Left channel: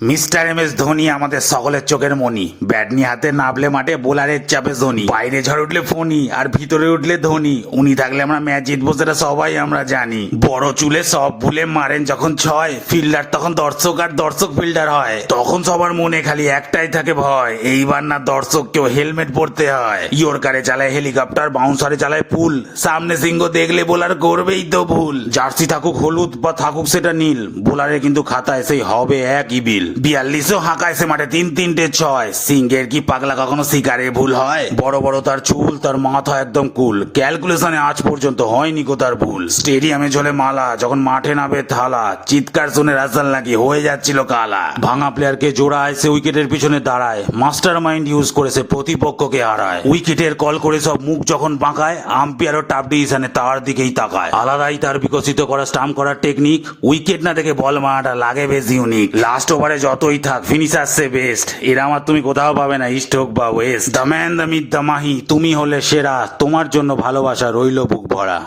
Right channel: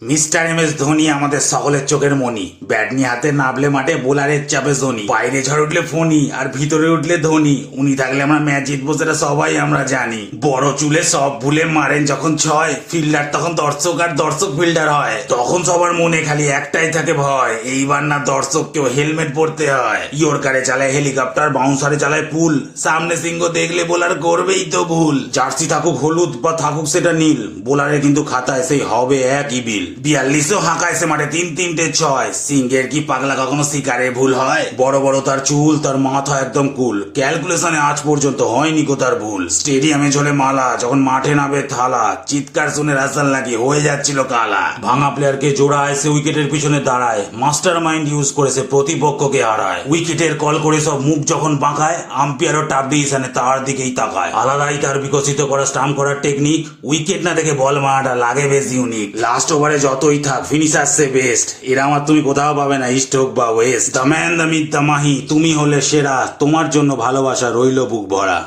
Mister M S Dhoni আমাদের সকলের চোখের মনি। ব্যাট নিয়ে হাতে নামলে মাঠে বোলারের চাপে ধোনি, বাইরে ঝড় উঠলে ফোনি আর ভিতরে উঠলে ধোনি। উনি থাকলে আমরা ম্যাচ জিতবো সেটা সবাই আমরা জানি। বড় চুলে সব ভুলে মারেন যখন ছয়, ফিল্ডার তখন দর্শক আর দর্শক ফিল্ডার হয়। তখন সবার মনে খালি একটাই থাকে ভয়, এইবার না দর্শককেও হেলমেট পরতে হয়। ইয়র্কারে চালায় হেলিকপ্টার, বাউন্সারে চালায় পুল, সামনে সিংহ দেখলে বোলার করবেই তো ভুল। জার্সি থাকুক হলুদ বা থাকুক সেটা নীল, বোলারের কিন্তু খাতায় সেই হবে একই বিল। 42ও হাঁকাইছে মাঠে 3-3টে 6। সিংহের কি পাগলা কখনো শিকারে ভুল হয়? বড় বড় তার চুল, তার মাথা একদম কুল, ক্যালকুলেশনে আজ পর্যন্ত হয়নি কো তার ভুল। স্টেডিয়ামে ঝোলে মালা, যখন মাঠে নামে থালা, চিৎকার শুনে রাস্তান লাগি হয়ে যাচ্ছিল কালা। ভাঙা প্লেয়ারকে জোড়ায়, সে উইকেটের পিছনে দাঁড়ায়, মাস্টার মাইন্ড ইউজ করেছে প্রতিপক্ষকে হারায়। উইকেটের কল করে সব মুখ যখন বাঁকায়, আম্পায়ারও টাপ ডিসিশনে তার দিকেই তাকায়। আলাদাই তার বিকশিত করা স্টাম্প করার টেকনিক, উইকেট না দেখে বল মারাটা লাগে বেশ ইউনিক। লাস্ট ওভারে যতই থাক ফিনিশার সে বেস্ট, এরা আমার তুমি কোথাও পাবে না ইস্ট হোক বা West. The man the myth the Mahi, তুমি হলে সেরা, তোমার জন্য ভালোবাসা রইল বুক ভরা।